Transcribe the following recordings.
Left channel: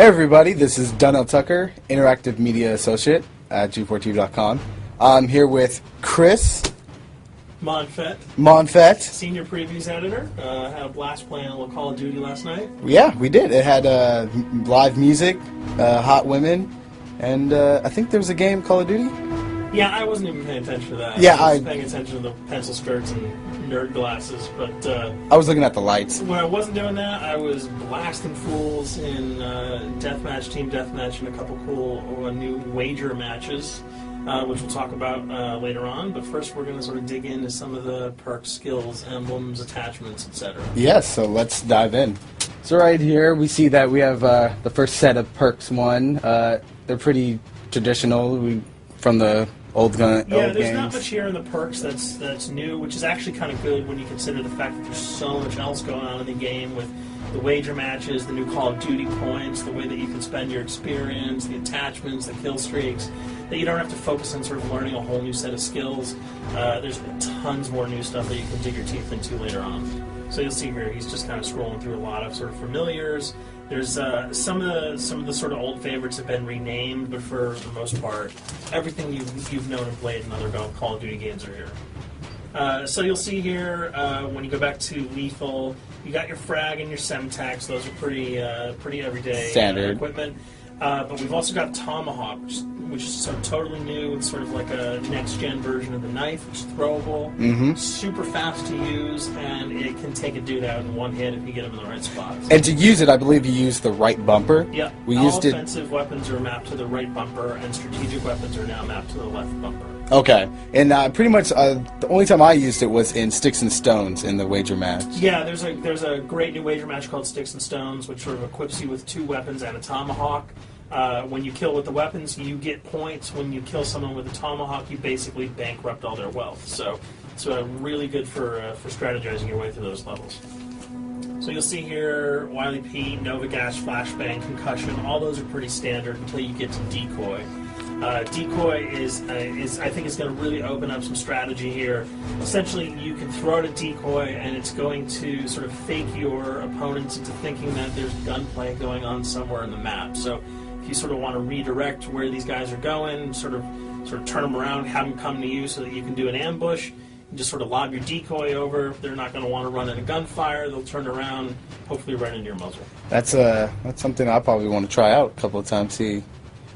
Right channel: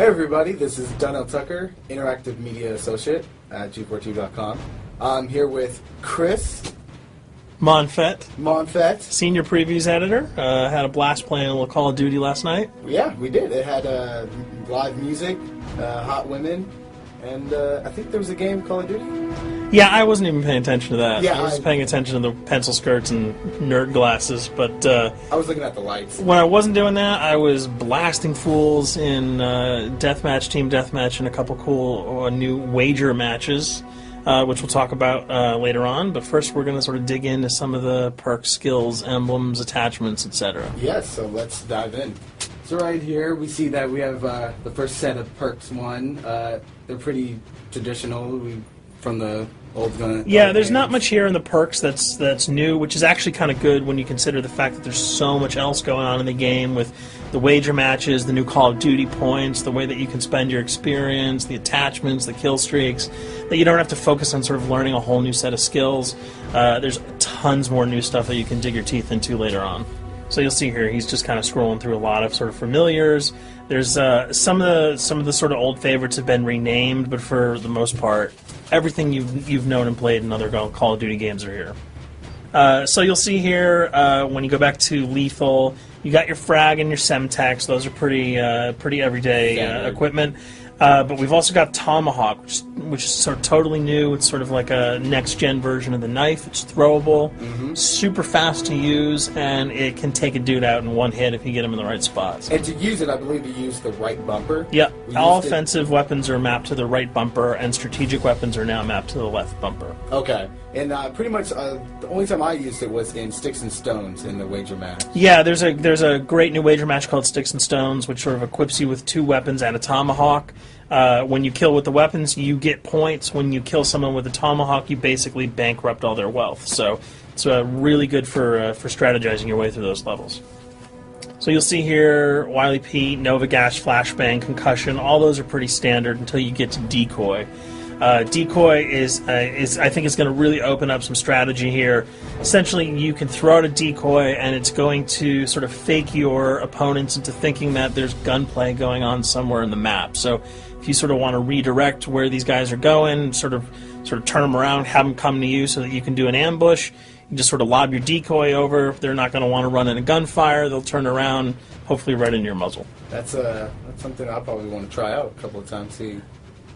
Hey everybody, this is Donnell Tucker, Interactive Media Associate at G4TV.com. I'm here with Chris Monfett, Senior Previews Editor. Had a blast playing a little Call of Duty last night. Yeah, we did. It had live music, hot women, and I think there was a game, Call of Duty? Yeah, I wasn't even paying attention to that. Yeah, I was paying attention to the pencil skirts and nerd glasses, but I was looking at the lights. When I wasn't doing that, I was blasting fools in deathmatch, team deathmatch, and a couple cool new wager matches, which we'll talk about later on. But first, we're going to sort of dig into some of the perks, skills, emblems, attachments, etc. Yes, so let's dive in. So right here, we see that we have the first set of perks one. They're pretty traditional from the old gun. Yeah, old there's games. not much here in the perks that's new, which is actually kind of good when you consider the fact that there's so much else going on in the game with the wager matches, the new Call of Duty points, the way that you can spend your experience, the attachments, the kill streaks, that you don't have to focus on sort of learning a whole new set of skills. There's tons more new stuff that you can dig your teeth into later on. So you'll see here, he's just kind of scrolling through a lot of sort of familiars. There's some of the sort of old favorites have been renamed, but for the most part, everything you've known and played in other Call of Duty games are here. So you'll see here when you go back to Lethal, you got your frag and your Semtex. Those are pretty everyday equipment. But we've also got Tomahawk, which is sort of totally new. It's sort of like a next-gen version of the knife. It's throwable, super fast to use, and it can take a dude out in one hit if you get him in the right spots. And to use it, I believe you use the right bumper. Yeah, all offensive weapons are mapped to the right bumper, and strategic weapons are now mapped to the left bumper. Okay, and pretty much the only time I used it was in Sticks and Stones in the wager match. Yeah, there's a great new wager match called Sticks and Stones, which sort of equips you with 2 weapons and a tomahawk. When you kill with the weapons, you get points. When you kill someone with a tomahawk, you basically bankrupt all their wealth. So it's really good for strategizing your way through those levels. So you'll see here, Wily Pete, Nova Gash, Flashbang, Concussion. All those are pretty standard until you get to Decoy. Decoy is I think it's going to really open up some strategy here. Essentially, you can throw out a decoy, and it's going to sort of fake your opponents into thinking that there's gunplay going on somewhere in the map. So if you sort of want to redirect where these guys are going, sort of turn them around, have them come to you so that you can do an ambush, you just sort of lob your decoy over. They're not going to want to run into gunfire. They'll turn around, hopefully right into your muzzle. That's something I probably want to try out a couple of times.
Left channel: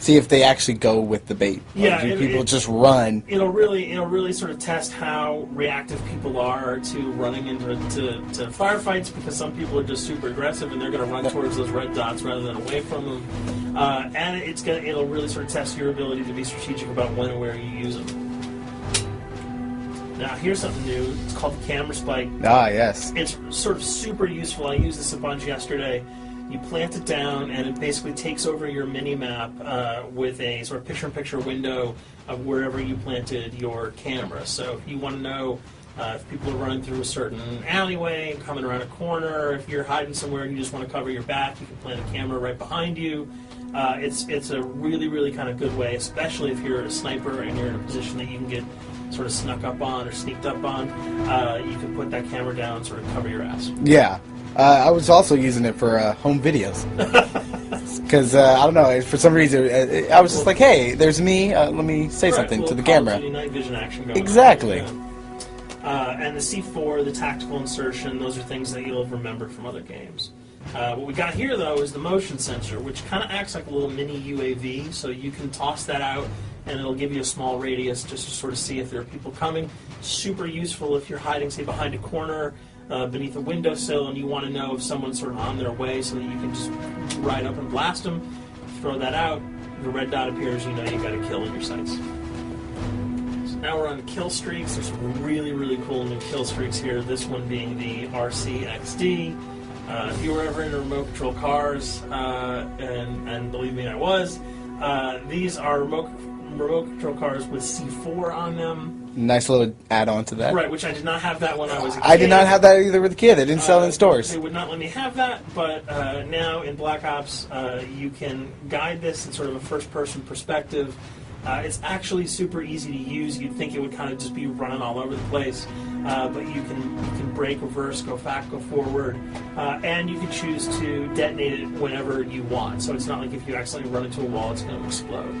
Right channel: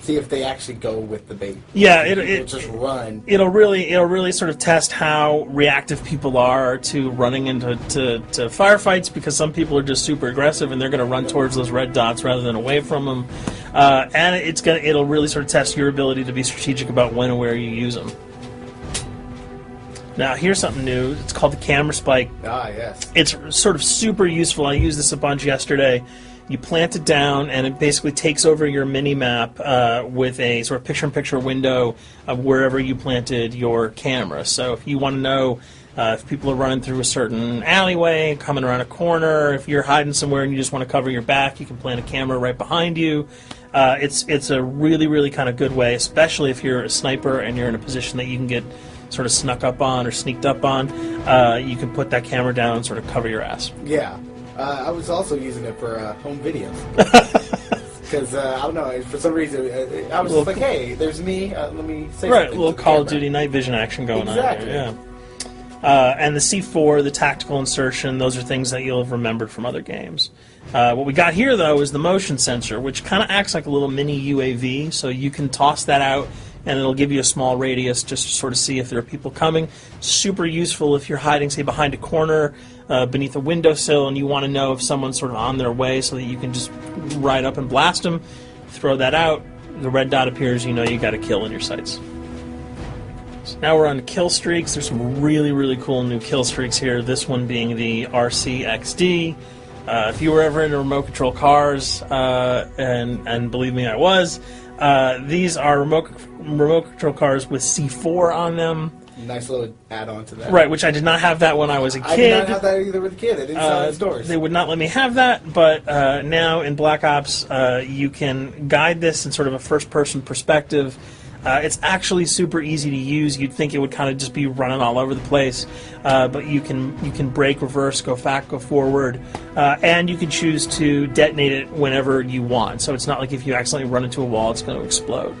See if they actually go with the bait. Yeah, people just run. It'll really sort of test how reactive people are to running into firefights, because some people are just super aggressive and they're going to run towards those red dots rather than away from them. And it'll really sort of test your ability to be strategic about when and where you use them. Now, here's something new. It's called the Camera Spike. Ah, yes. It's sort of super useful. I used this a bunch yesterday. You plant it down, and it basically takes over your mini-map with a sort of picture-in-picture window of wherever you planted your camera. So if you want to know if people are running through a certain alleyway, coming around a corner, if you're hiding somewhere and you just want to cover your back, you can plant a camera right behind you. It's a really kind of good way, especially if you're a sniper and you're in a position that you can get sort of snuck up on or sneaked up on. You can put that camera down and sort of cover your ass. Yeah. I was also using it for home videos. Because, I don't know, for some reason, I was just like, hey, there's me, let me say something to the Call camera. of Duty night vision action going exactly. on. Exactly. And the C4, the tactical insertion, those are things that you'll have remembered from other games. What we got here, though, is the motion sensor, which kind of acts like a little mini UAV, so you can toss that out, and it'll give you a small radius just to sort of see if there are people coming. Super useful if you're hiding, say, behind a corner, beneath a windowsill, and you want to know if someone's sort of on their way so that you can just ride up and blast them. Throw that out, the red dot appears, you know you got a kill in your sights. So now we're on to kill streaks. There's some really cool new kill streaks here, this one being the RCXD. If you were ever into remote control cars, and believe me, I was, these are remote control cars with C4 on them. Nice little add-on to that. Right, which I did not have that when I was a kid. I did not have that either with a kid. They didn't sell it in stores. They would not let me have that, but now in Black Ops, you can guide this in sort of a first-person perspective. It's actually super easy to use. You'd think it would kind of just be running all over the place, but you can brake, reverse, go back, go forward, and you can choose to detonate it whenever you want. So it's not like if you accidentally run into a wall, it's going to explode.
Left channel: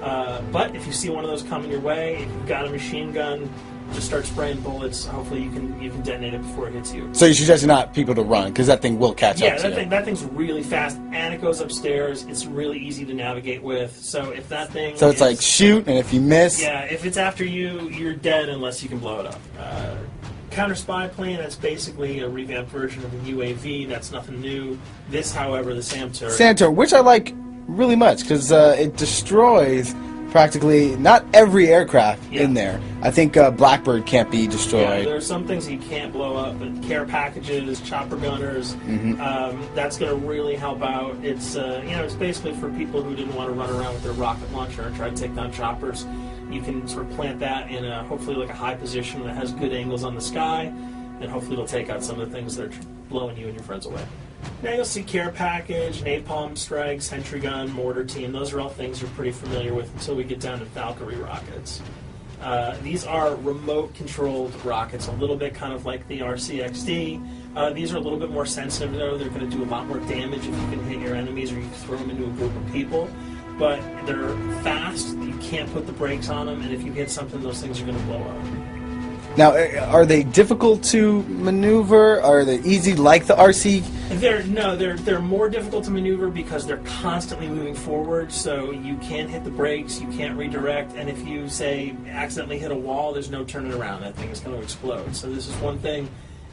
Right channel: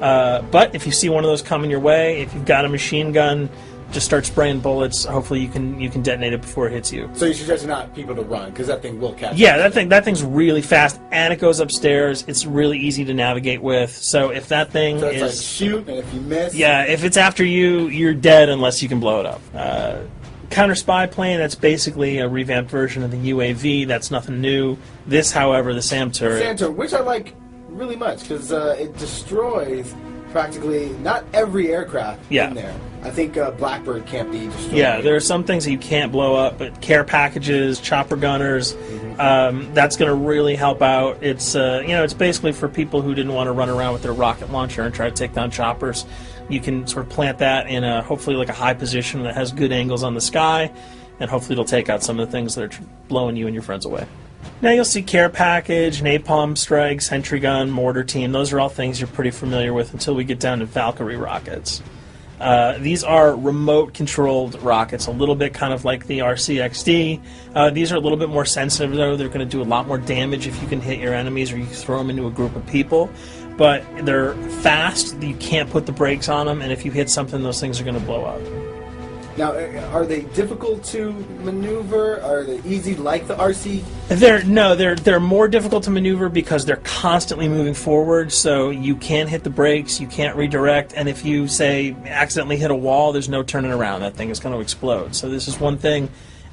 But if you see one of those coming your way, if you've got a machine gun, just start spraying bullets. Hopefully you can detonate it before it hits you. So you suggest not people to run, because that thing will catch Yeah, up. that thing's really fast, and it goes upstairs. It's really easy to navigate with. So if that thing So it's like shoot, and if you miss... Yeah, if it's after you, you're dead unless you can blow it up. Counter spy plane, that's basically a revamped version of the UAV. That's nothing new. This, however, the SAM turret. SAM turret, which I like really much, because it destroys practically not every aircraft in there. I think Blackbird can't be destroyed. Yeah, there are some things that you can't blow up, but care packages, chopper gunners, that's going to really help out. It's it's basically for people who didn't want to run around with their rocket launcher and try to take down choppers. You can sort of plant that in hopefully like a high position that has good angles on the sky, and hopefully it'll take out some of the things that are blowing you and your friends away. Now you'll see care package, napalm strike, sentry gun, mortar team. Those are all things you're pretty familiar with until we get down to Valkyrie rockets. These are remote-controlled rockets, a little bit kind of like the RCXD. These are a little bit more sensitive, though. They're going to do a lot more damage if you can hit your enemies or you throw them into a group of people. But they're fast, you can't put the brakes on them, and if you hit something, those things are going to blow up. Now, are they difficult to maneuver? Are they easy like the RC? They're more difficult to maneuver because they're constantly moving forward, so you can't hit the brakes, you can't redirect, and if you, say, accidentally hit a wall, there's no turning around. That thing is going to explode. So this is one thing.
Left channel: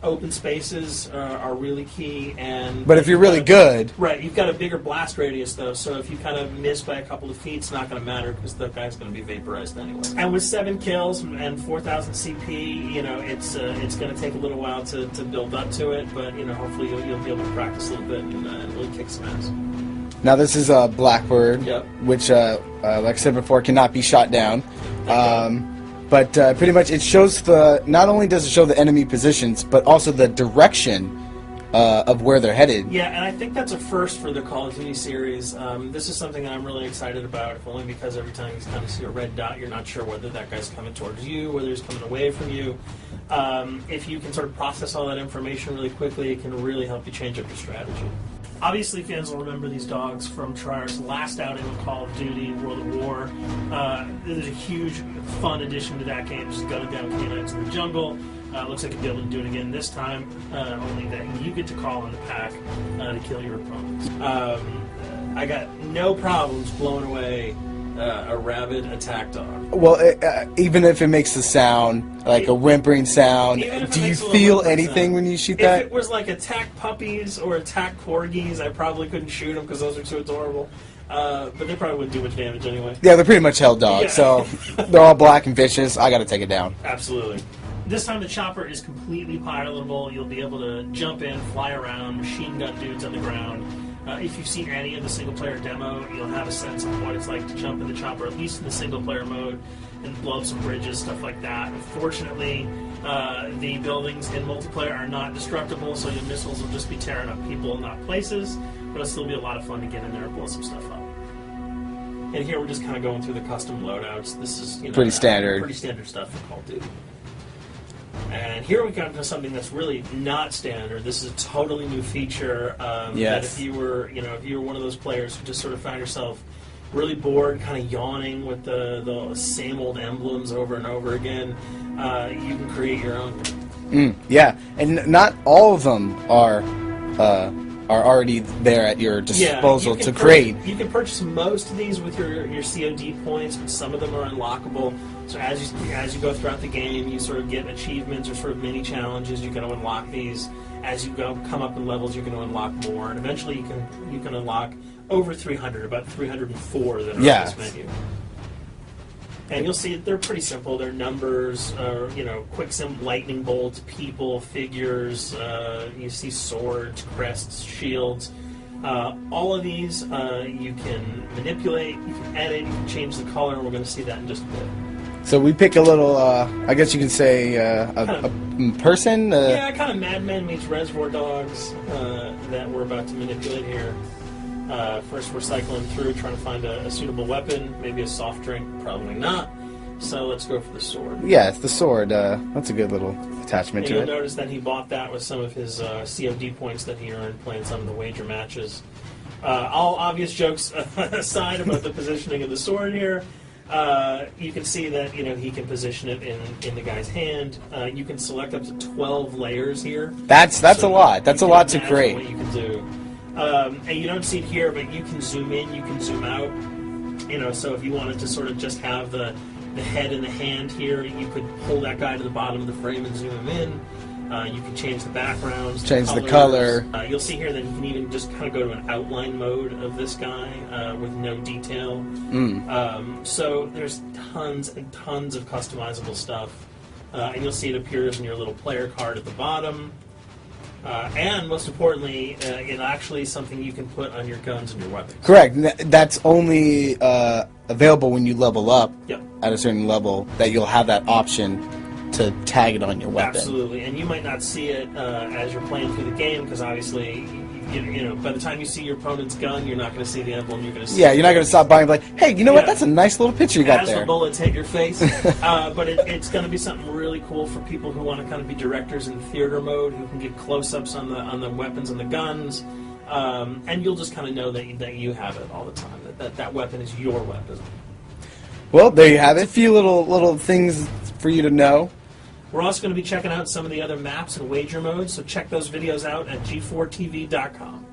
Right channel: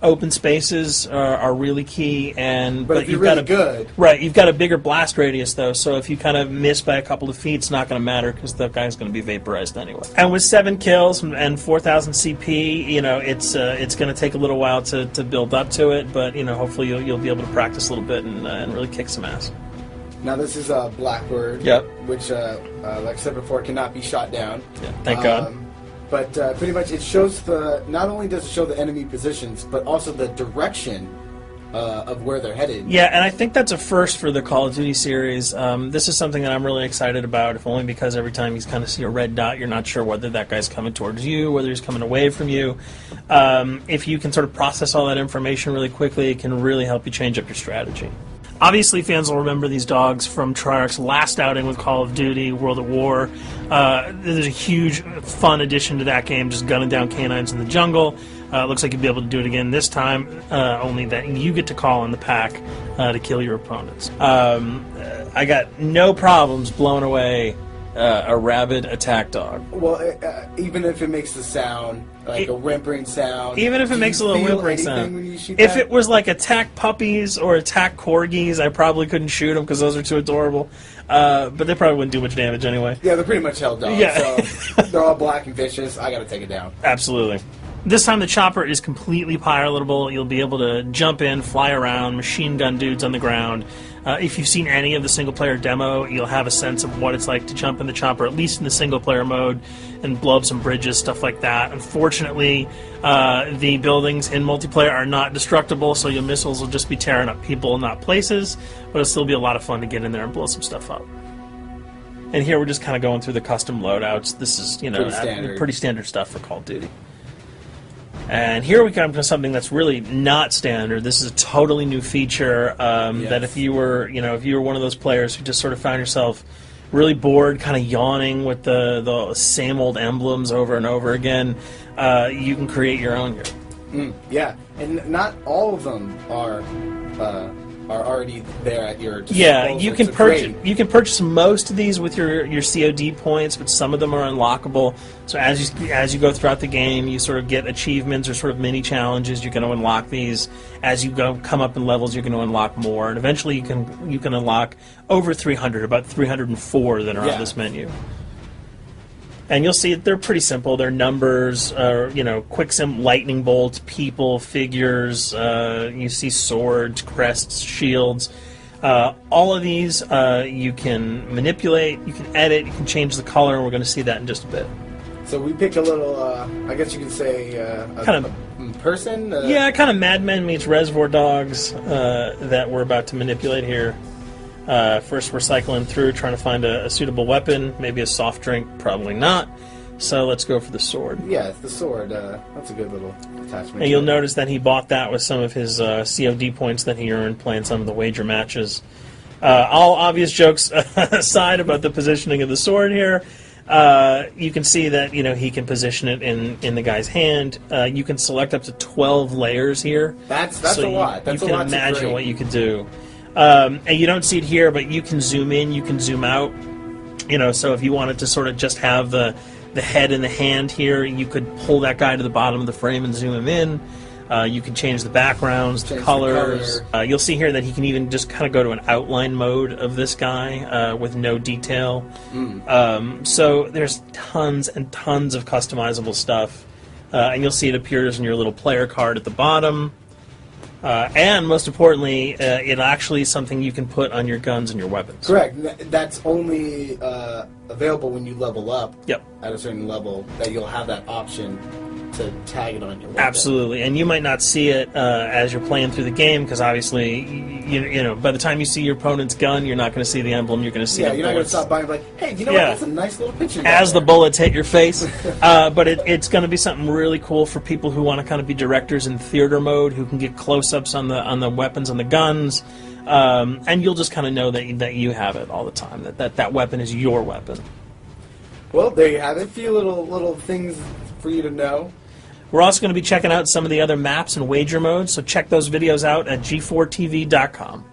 Open spaces are really key, but if you're really good, right? You've got a bigger blast radius, though, so if you kind of miss by a couple of feet, it's not going to matter because the guy's going to be vaporized anyway. And with 7 kills and 4,000 CP, it's going to take a little while to build up to it, but hopefully you'll be able to practice a little bit and really kick some ass. Now this is a Blackbird, which, like I said before, cannot be shot down. Yeah, thank God. But pretty much it shows not only does it show the enemy positions, but also the direction of where they're headed. Yeah, and I think that's a first for the Call of Duty series. This is something that I'm really excited about, if only because every time you kind of see a red dot, you're not sure whether that guy's coming towards you, whether he's coming away from you. If you can sort of process all that information really quickly, it can really help you change up your strategy. Obviously, fans will remember these dogs from Treyarch's last outing with Call of Duty, World at War. There's a huge, fun addition to that game, just gunning down canines in the jungle. Looks like you'll be able to do it again this time, only that you get to call in the pack to kill your opponents. I got no problems blowing away a rabid attack dog. Well, even if it makes the sound, like a whimpering sound, even if it makes a little whimpering feel anything sound. When you shoot that? If it was like attack puppies or attack corgis, I probably couldn't shoot them because those are too adorable. But they probably wouldn't do much damage anyway. Yeah, they're pretty much held dogs, so they're all black and vicious. I gotta take it down. Absolutely. This time the chopper is completely pilotable. You'll be able to jump in, fly around, machine gun dudes on the ground. If you've seen any of the single-player demo, you'll have a sense of what it's like to jump in the chopper, at least in the single-player mode, and blow up some bridges, stuff like that. Unfortunately, the buildings in multiplayer are not destructible, so your missiles will just be tearing up people, not places, but it'll still be a lot of fun to get in there and blow some stuff up. And here we're just kind of going through the custom loadouts. This is, pretty standard stuff for Call of Duty. And here we come to something that's really not standard. This is a totally new feature that if you were one of those players who just sort of found yourself really bored, kind of yawning with the same old emblems over and over again, you can create your own here. Yeah, and not all of them are already there at your disposal to create. You can purchase most of these with your COD points, but some of them are unlockable. So as you go throughout the game, you sort of get achievements or sort of mini challenges. You're going to unlock these. As you come up in levels, you're going to unlock more, and eventually you can unlock over 300, about 304 that are on this menu. And you'll see they're pretty simple. They're numbers, quick lightning bolts, people, figures. You see swords, crests, shields. All of these you can manipulate, you can edit, you can change the color, and we're going to see that in just a bit. So we pick a little, I guess you can say, a person? Yeah, kind of Mad Men meets Reservoir Dogs that we're about to manipulate here. First, we're cycling through, trying to find a suitable weapon. Maybe a soft drink, probably not. So let's go for the sword. Yeah, it's the sword. That's a good little attachment. And you'll notice that he bought that with some of his COD points that he earned playing some of the wager matches. All obvious jokes aside about the positioning of the sword here, you can see that he can position it in the guy's hand. You can select up to 12 layers here. That's a lot. That's a lot to imagine create. what you can do. And you don't see it here, but you can zoom in, you can zoom out. So if you wanted to sort of just have the head and the hand here, you could pull that guy to the bottom of the frame and zoom him in. You can change the backgrounds, change colors. the color. You'll see here that he can even just kind of go to an outline mode of this guy with no detail. So there's tons and tons of customizable stuff. And you'll see it appears in your little player card at the bottom. And most importantly, it actually is something you can put on your guns and your weapons. Correct. That's only available when you level up Yep. at a certain level, that you'll have that option to tag it on your weapon. Absolutely, and you might not see it as you're playing through the game, because obviously, by the time you see your opponent's gun, you're not going to see the emblem. You're going to see. Yeah, you're not going to stop by and be like, hey, you know what? Yeah. That's a nice little picture you got as there. the bullets hit your face. But it's going to be something really cool for people who want to kind of be directors in theater mode, who can get close-ups on the weapons and the guns, and you'll just kind of know that you have it all the time. That weapon is your weapon. Well, there you have it. A few little things for you to know. We're also going to be checking out some of the other maps and wager modes, so check those videos out at g4tv.com.